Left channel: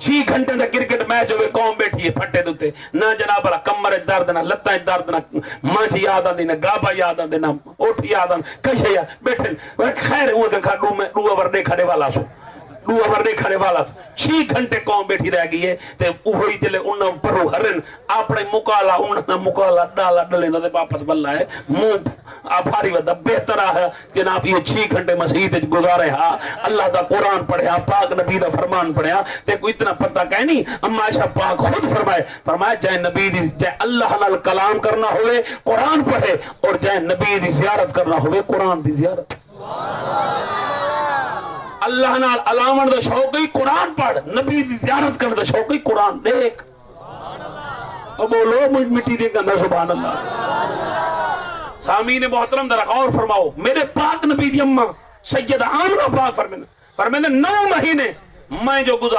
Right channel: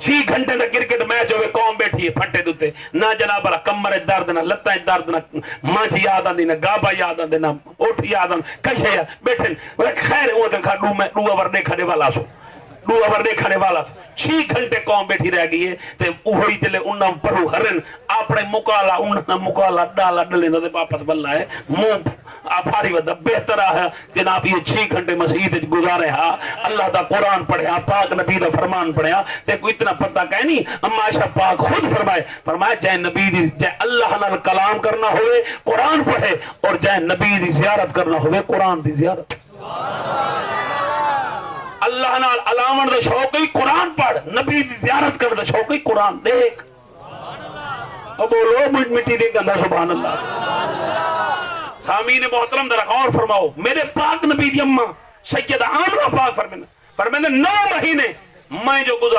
6 گھنٹے دا cricket match ہوئے قوم بیٹھی ہے پھٹے دوتے نہ جناب اللہ کمر درد نہ لتاں درد نہ مانچ یاد آندی نہ گابا یاد آندی نہ اوٹھ یاد آندی کشے بیٹھے خیر وہ کہ ڈو اوور دیکھنے والا سو 2 اوور دیکھنے والا 6 گھنٹے قوم بیٹھی رہ گئی ہے تے اوہی جلے انہاں پرو ہرن اپنے مکالا انہاں مکالا ڈالا ڈلے نہ پاپت بلا ہے منہ آباری ودا بہتر ہے جناب یہ 6 گھنٹے مسجد وچ گزارے ہا اللہ دا قرآن پڑھیا پاک نبی دا فرمان پڑھیا تے کوئی اتنا پتہ کہیں نہیں اما عائشہ پاک خود فرمایا جائے نبی دی جائے اللہ نال کلام کرنا ہوئے قرآن پڑھے اور جائے نبی دی زیارت کرنا ہوئے قرآن دی زیارت اللہ نال علامت دا شوق ہی قرآن پڑھ نبی دی زیارت کر دا شوق ہی قرآن دیکھ او بولو مٹی دے گندہ سبحان اللہ سامعین محترم ذرا غور فرماؤ میرے پاک نبی دی اماں سیدہ آمنہ پاک فرمانے 9 مہینے میں جو گزار